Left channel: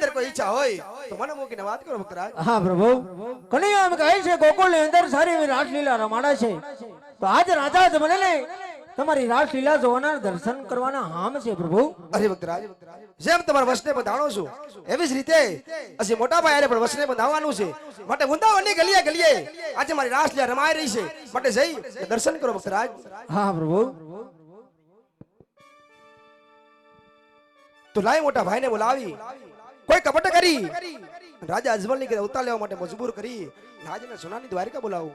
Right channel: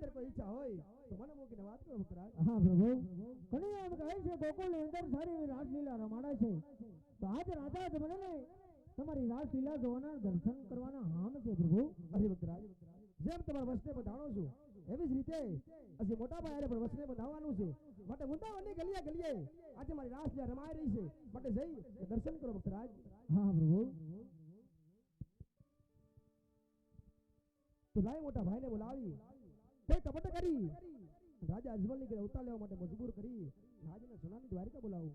અંદર કોઈ ઈચ્છા હોય તો મને મૂકીને વાત કરો ભક્તરાજ. હા પ્રભુ, કનૈયા એમ કહે છે ગોકુળની અંદર સારી એવી રાસલીલા રમાડે છે, તો આજ રાજા જ મને ને તમારી રાસલીલા જોવાના દર્શન કરવાના હામ છે પ્રભુ. અરે ભક્તરાજ, જેમ તમારા વસને બંધાણો છું એવી જ રીતે ਅਸੀਂ મોટા ભાઈ પણ વસને બંધાવવાનું છે, માટે વૃંદાવનની ગલીએ ગલીએ આજે મારી રાસલીલા રમાઈ રહી છે, માટે જઈ દર્શન કરો ભક્તરાજ. હા પ્રભુ. તો લાય મોટા ભાઈને બોલાવી કોઈ કપટ કરી રાજા અજમલની કે અવતાર લેવા માટે મજબૂર કરી રાજને સોનાની દ્વારિકા બોલાવું.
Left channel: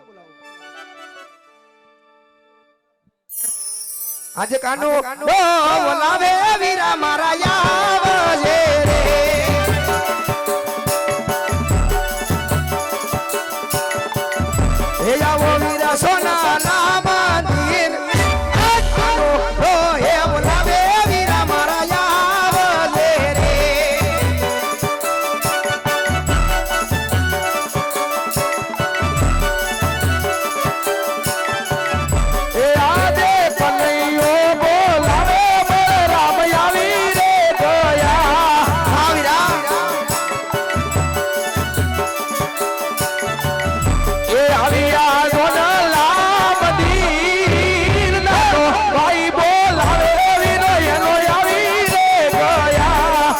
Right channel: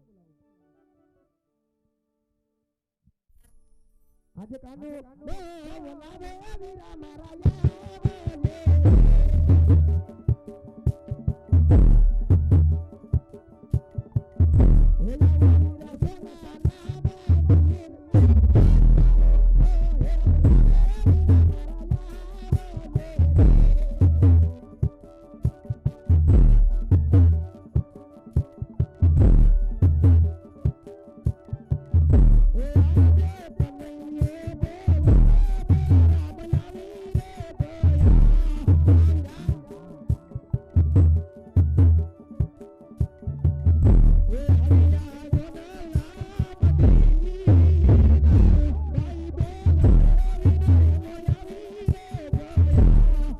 આજે કાનો બોલાવે વીરા મારા આવજે રે, હે આવો વીરા સોનાના મંદિર, કાનો હે બોલાવે વીરા મારા આવજે રે. એ આજે કનૈયો બોલાવે બલરામ આવી રે દયા. હા વીરા, એ આવી આ ગોડલા મંદિર નાનો ભાઈ બોલાવે વીરો એનો આવી રે દયા.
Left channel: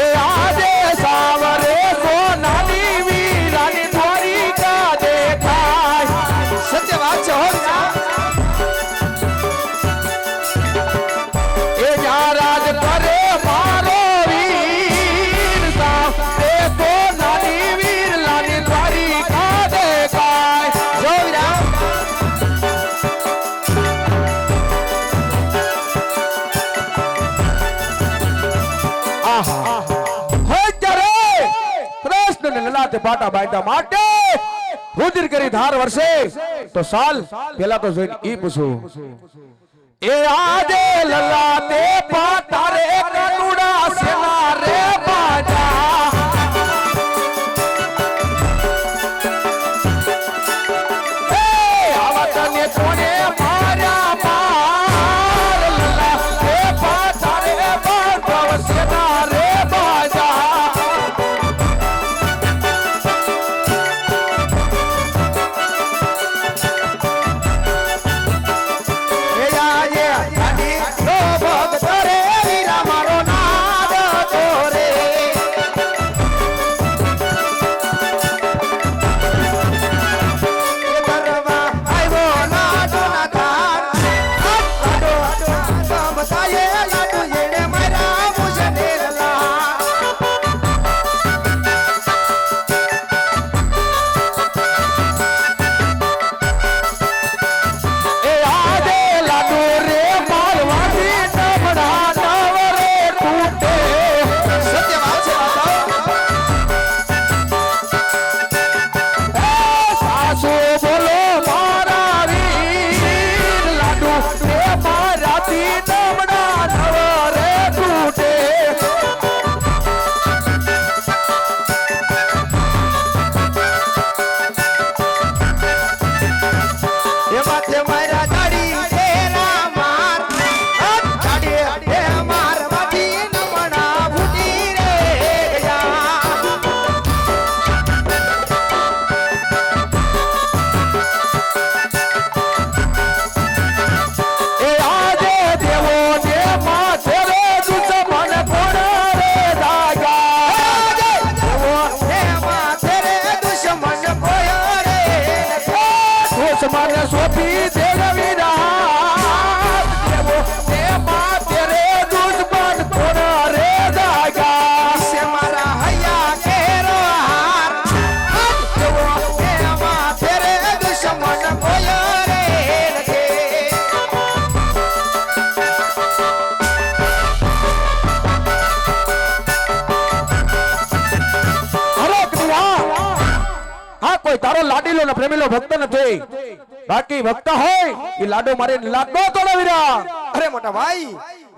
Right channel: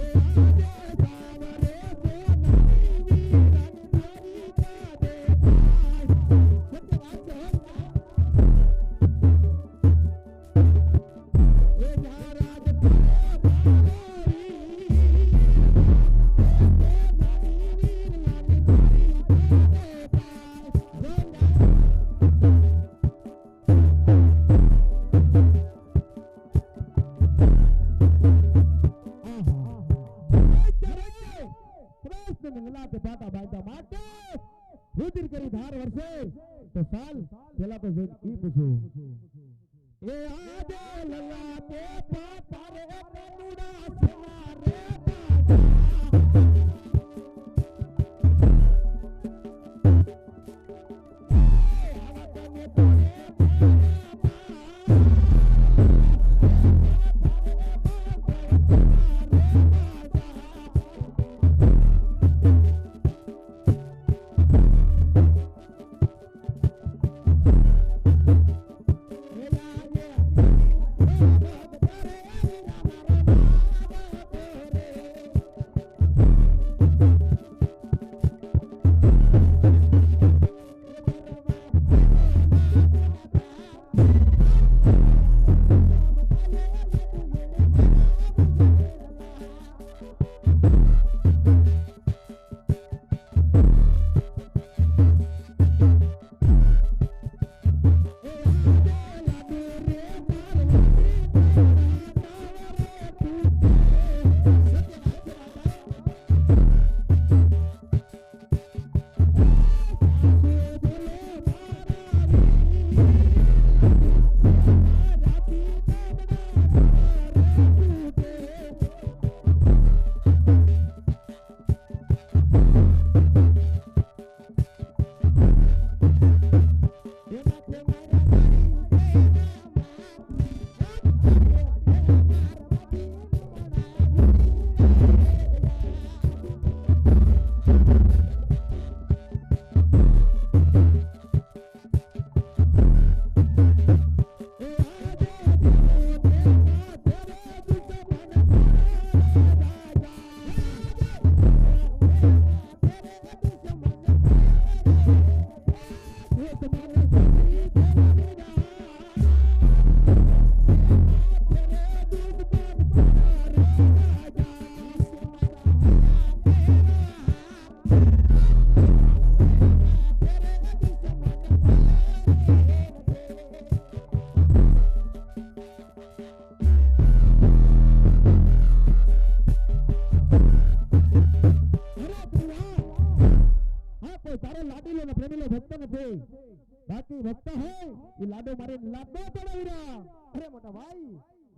એ આજે સાવરે સોનાની વીરાની દ્વારિકા દેખાય. સત્ય વાત છે હો વીરા. એ જ્યાં રાજ કરે મારો વીર, સાવરે સોનાની વીરલાની દ્વારિકા દેખાય. જો વીરા, કૃષ્ણ ને લલાટે પાટા બાંધ્યા માટે રુધિર કરી ધાર વર્ષે તો સાલ પેલા તો જોઈને ઈ પૂછું, એ આજે લલાટે પાટા રે કાનુડા સેના રે બાજા, એ આવા તને કોને માર્યા માર, લલાટે પાટા રે બાંધવ સેના રે બાજા. એ આજે ગાડી નો ભક્ત રે વીરા મારો નાદ તોરે. એ કરવા આવ્યો નાડો ના તાર, આડો આડો બતાયે લાડુ જેને મારા મુજનેલા. એ આજે લાડુ રે મારવાથી નમડા નવરે તૂટે. સત્ય વાત છે બાપા. એ સાસુ બોલો મારા વીર, લાડુ રે મારાથી નમડા નવરે તૂટે. એ માથે મારા દાડી તેરા માર, દાડી એ માર માથી નમણા ફૂટી રે ગયા. એ આજે દેવો ને માથે રે દુશ્મન કોણ રે દાગા. દેવો એ માથે રે દુશ્મન કોયો રે. દુશ્મન સોંપી દેવીરા, દેવો ને માથે રે દુશ્મન કોણ રે દાગા. સે મારા હૈયા કેરો હાર, દેવો એ માથે રે દુશ્મન કોયો રે નથી. અરે કનૈયા, હા કોઈ તારો લાડીલો ને પ્રેમીલો ભક્ત નથી, બાકી ભક્ત હોય એ લાડો મારે લાડો તોડાવીરા. અરે મોટા ભાઈ,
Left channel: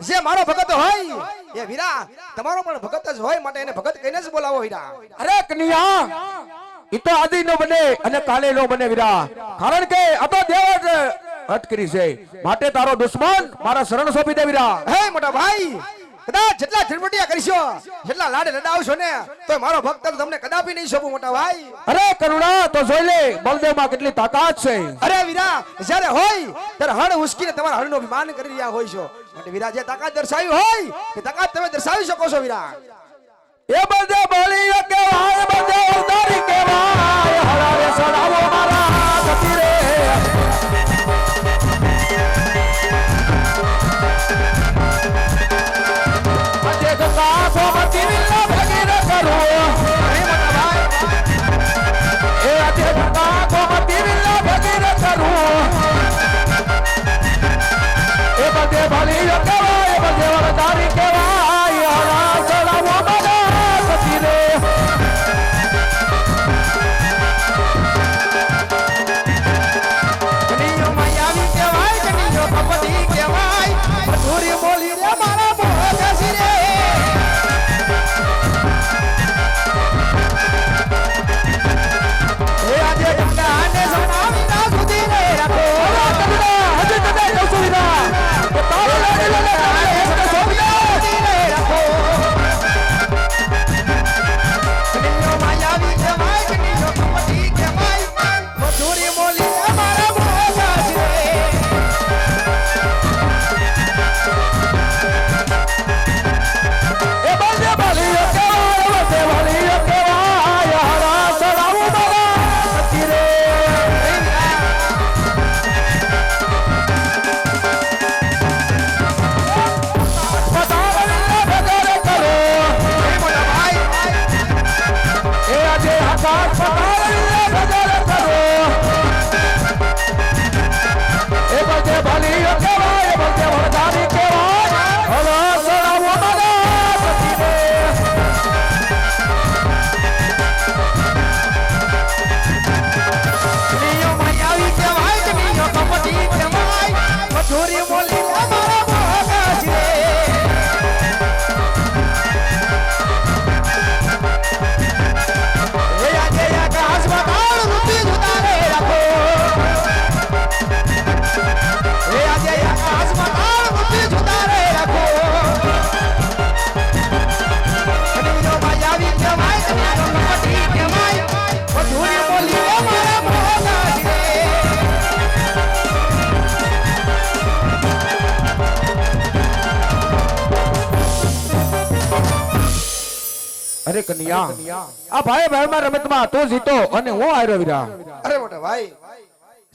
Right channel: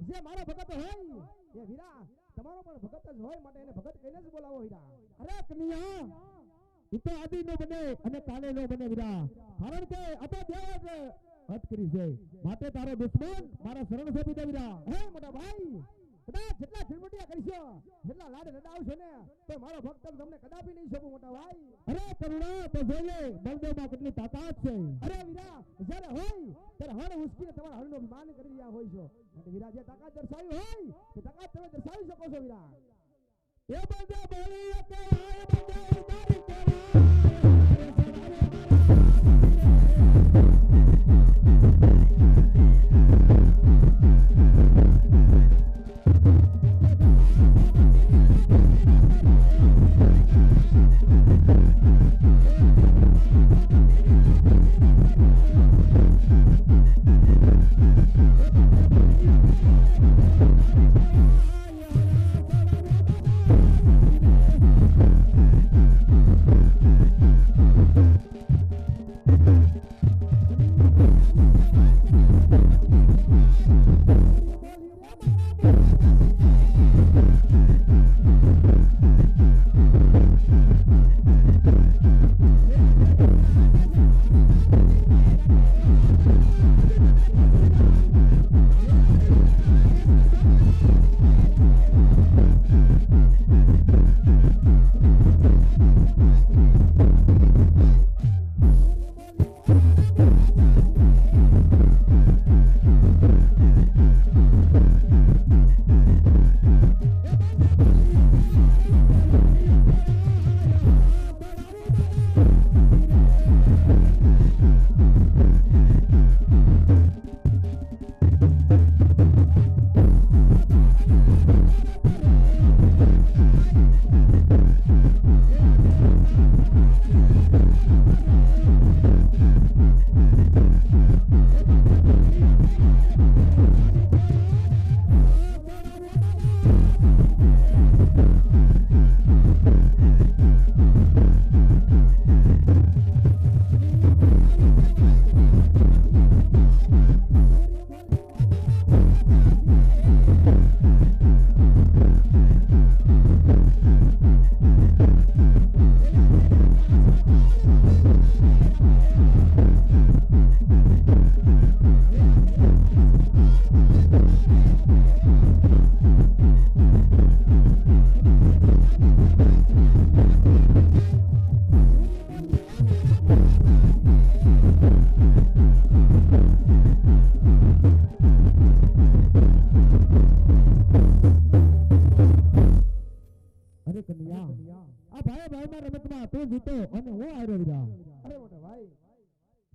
જે મારો ભગત હોય એ વીરા તમારો પણ ભગત જ હોય, માટે એને ભગત કહીને જ બોલાવો વીરા. અરે કનૈયા, ઈ તો આદિ નો બને અને કાલે નો બને વીરા, કારણ કે આ તો દેવ જ હત કરી છે, માટે તારો દુશ્મન મારા શરણ સોંપી દે વીરા. હે મોટા ભાઈ, કદાચ જેટલા ઝડપટિયા કરશો, જેટલા લાડે લડાવશો ને, તો મારો ભક્ત તમને કદાપી નહીં સોંપું મોટા ભાઈ. અરે કરુણા, તો જોઈ લે બળદેવ માં કેટલી તાકાત છે. અરે વીરા, જ્યારે હોય ત્યારે હળ ઉસકીને તમારા હળનો અભિમાન કરી રહ્યા હોય છો, માટે વીરા જે તાકાત દર્શાવી હોય તે તાકાત તમે દર્શાવી શકો છો વીરા. એ બળદેવ બળી કેવાય, બળદેવ ઉતારી કેવાય, હળાવે સડાવો મારા ગતિ રે. આજે ગંગા સોમતી વિલા ભગીર કરો. એ આજે ગંગા સોમતી વિલા ભગીર કરો. એ બળદેવ બળી કેવાય, બળદેવ ઉતારી કેવાય, હળાવે સડાવો મારા ગતિ રે. કનૈયો માયાવી કહેવાય, કનૈયો ભગવતી કહેવાય, મધુરી બોલી રે મારા મોહદાસી રે. એ આજે ગંગાને સણાવી ના સુધી રે રાખો. હજી તમે કહું છું વીરા, કે તારો લાડી લઈને આવીશ તો સોંપી દે. સુધી રે રાખો. કનૈયો માયાવી કહેવાય, કનૈયો ભગવતી કહેવાય, મધુરી બોલી રે મારા મોહદાસી રે. એ બળદેવ બળી કેવાય, બળદેવ બળી કેવાય, હળા સડાવો મારા ગતિ રે. પતાવલી ભગર કરો. એ આજે આકાશ પતાવલી ભગર કરો. એ બળદેવ બળી કેવાય, બળદેવ વરદાની કેવાય, હળા સડાવો મારા ગતિ રે. કનૈયો માયાવી કહેવાય, કનૈયો ભગવતી કહેવાય, મધુરી બોલી રે મારા મોહદાસી રે. એ આજે આકાશમાં તાળ રૂપી જુદા રે રાખો. એ આજે આકાશમાં તાળ રૂપી જુદા રે રાખો. કનૈયો માયાવી કહેવાય, કનૈયો ભગવતી કહેવાય, મધુરી બોલી રે મારા મોહદાસી રે. અરે કન્યા, આ ભાઈ ભાઈમાં રમતમાં તું જીતો અને હું હાર્યો વીરા. અરે મોટા ભાઈ,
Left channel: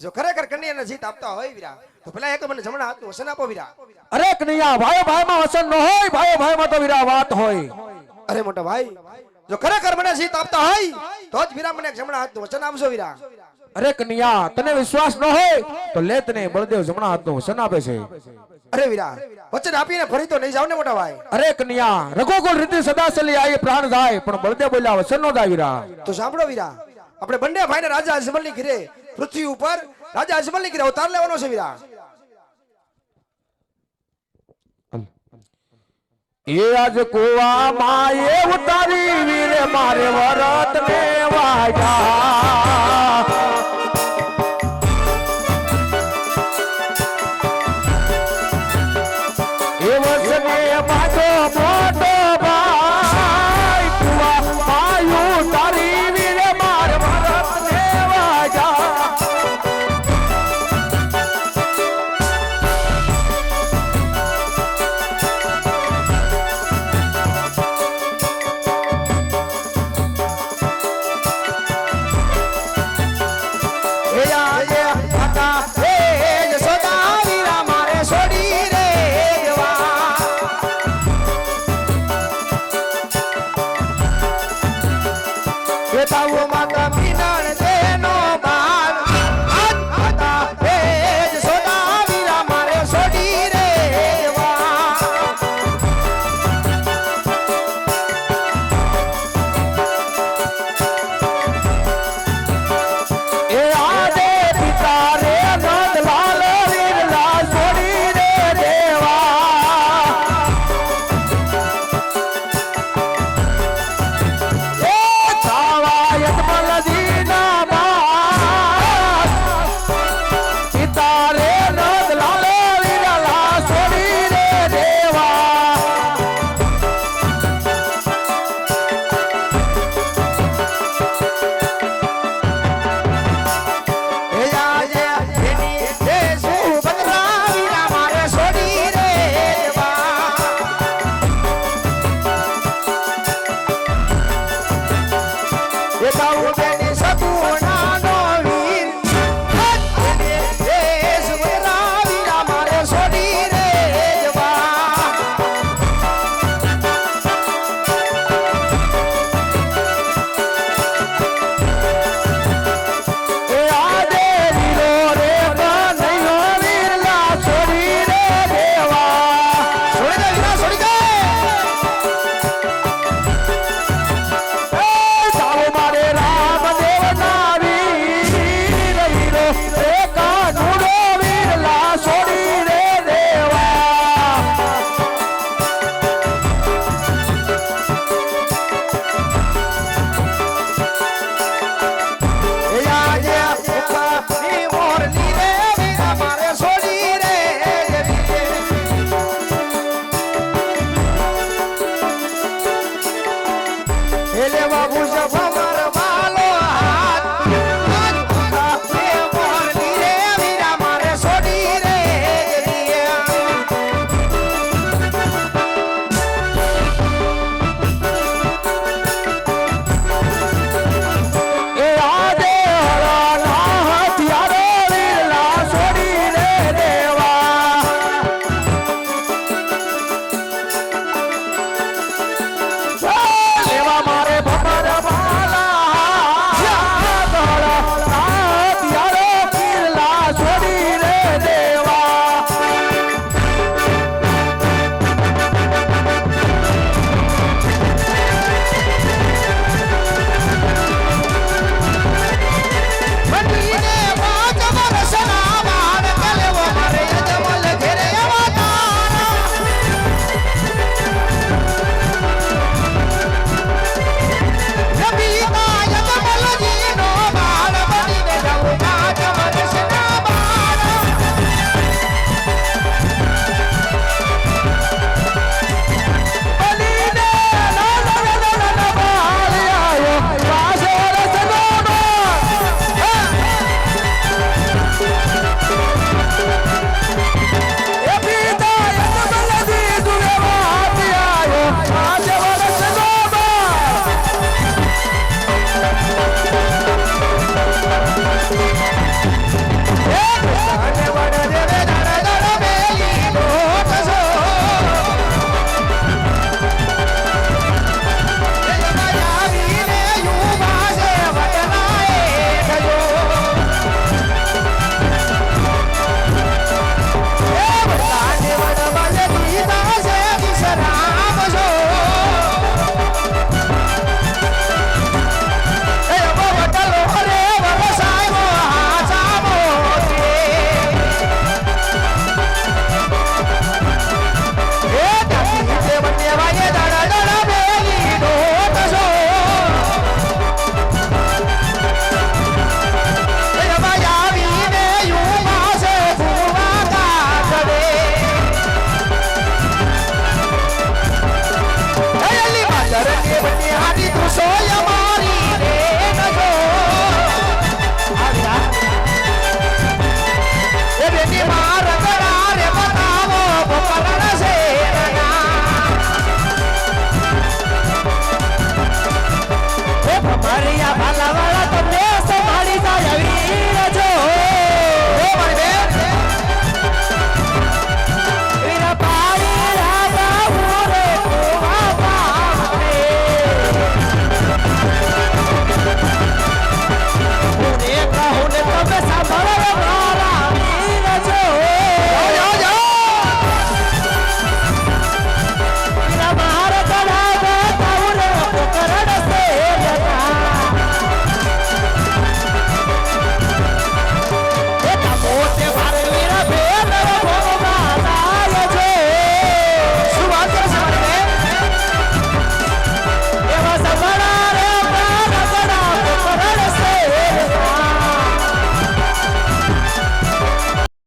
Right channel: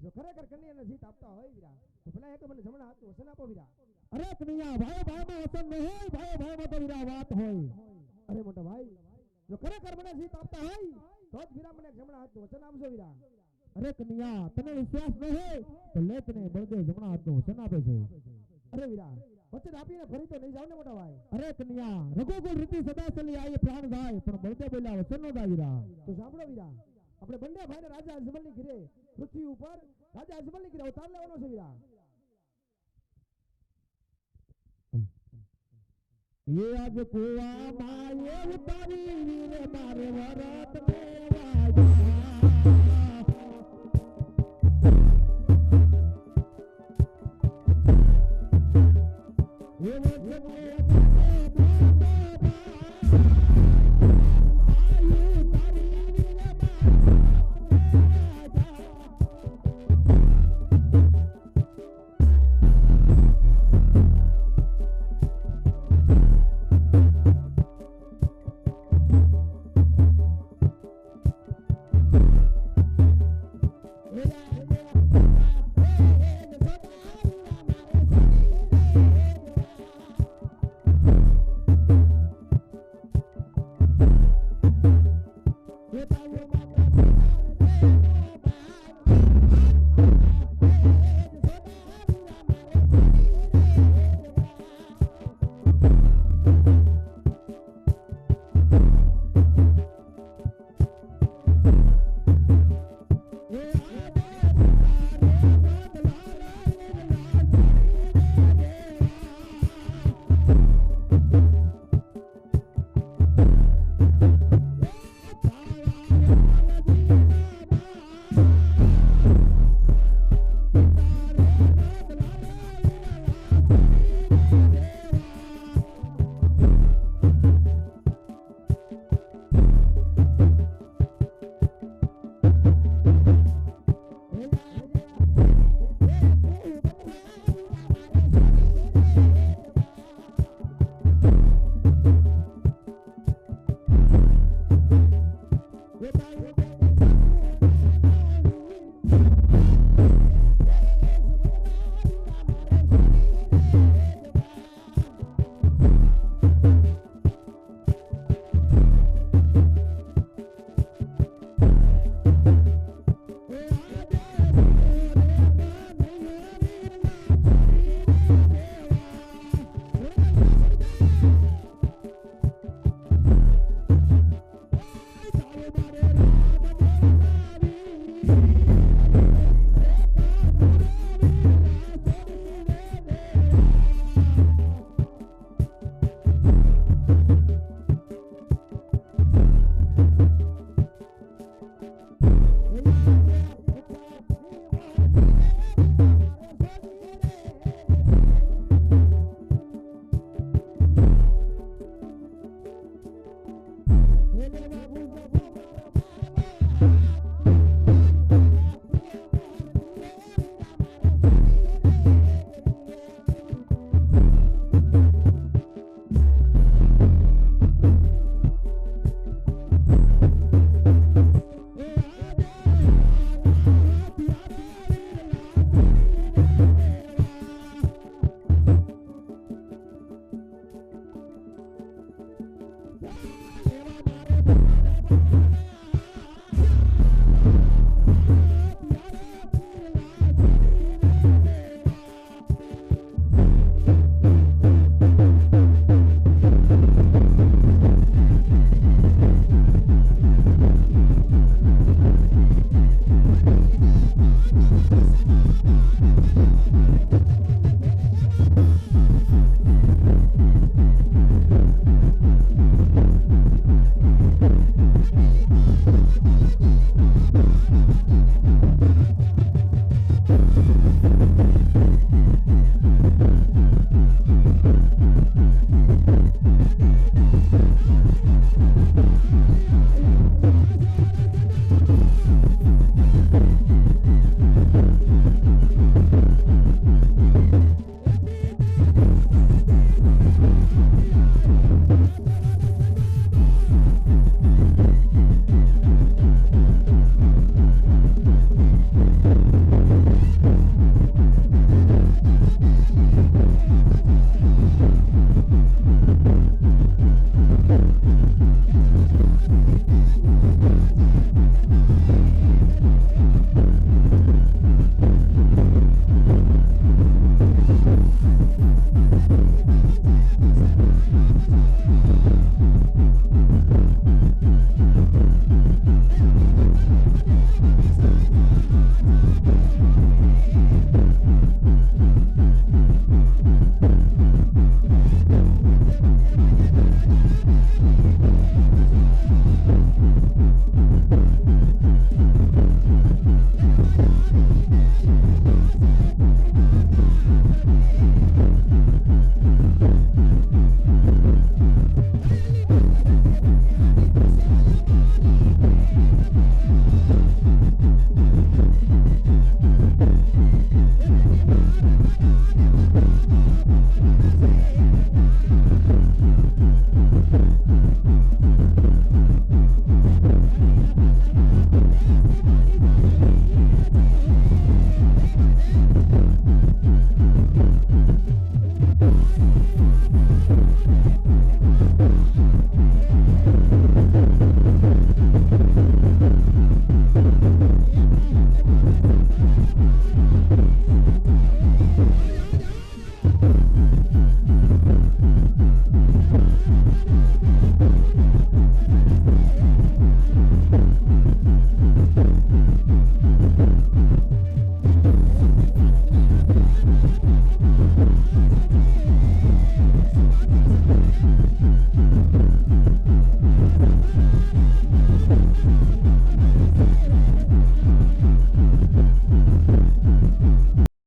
જો ખરેખર કન્યાને જીત આપતા હોય વીરા, તો પેલા એક મને જમણા હાથનું વસન આપો વીરા. અરે કન્યા, ભાઈ ભાઈમાં વસન ન હોય, ભાઈ ભાઈમાં તો વીરા વાત હોય. અરે મોટા ભાઈ, જો ખરેખર મને જીત આપતા હોય તો જ વીરા મને એક જમણા હાથનું વચન આપજો વીરા. અરે કન્યા, તને વિશ્વાસ ન હોય તો લે, તને બળદેવ જમણા હાથનું વસન આપે છે. અરે વીરા, વચન આપીને ફરી તો નહીં જાવ ને મોટા ભાઈ. અરે કન્યા, રઘુકુળ રીતિ સદા ચલી આવી પ્રાણ જાય, પણ બળદેવ બોલ્યા વસન નો જાય વીરા. તો સાંભળો વીરા, આપણે બંને ભાઈને રાજા અજમલની ઘરે પૃથ્વી ઉપર રાજા અજમલની ઘરે અવતાર લેવાનો છે વીરા. એ આજ કુવામાં એ ઉતારી વીરે મારે વરત ને વાજા.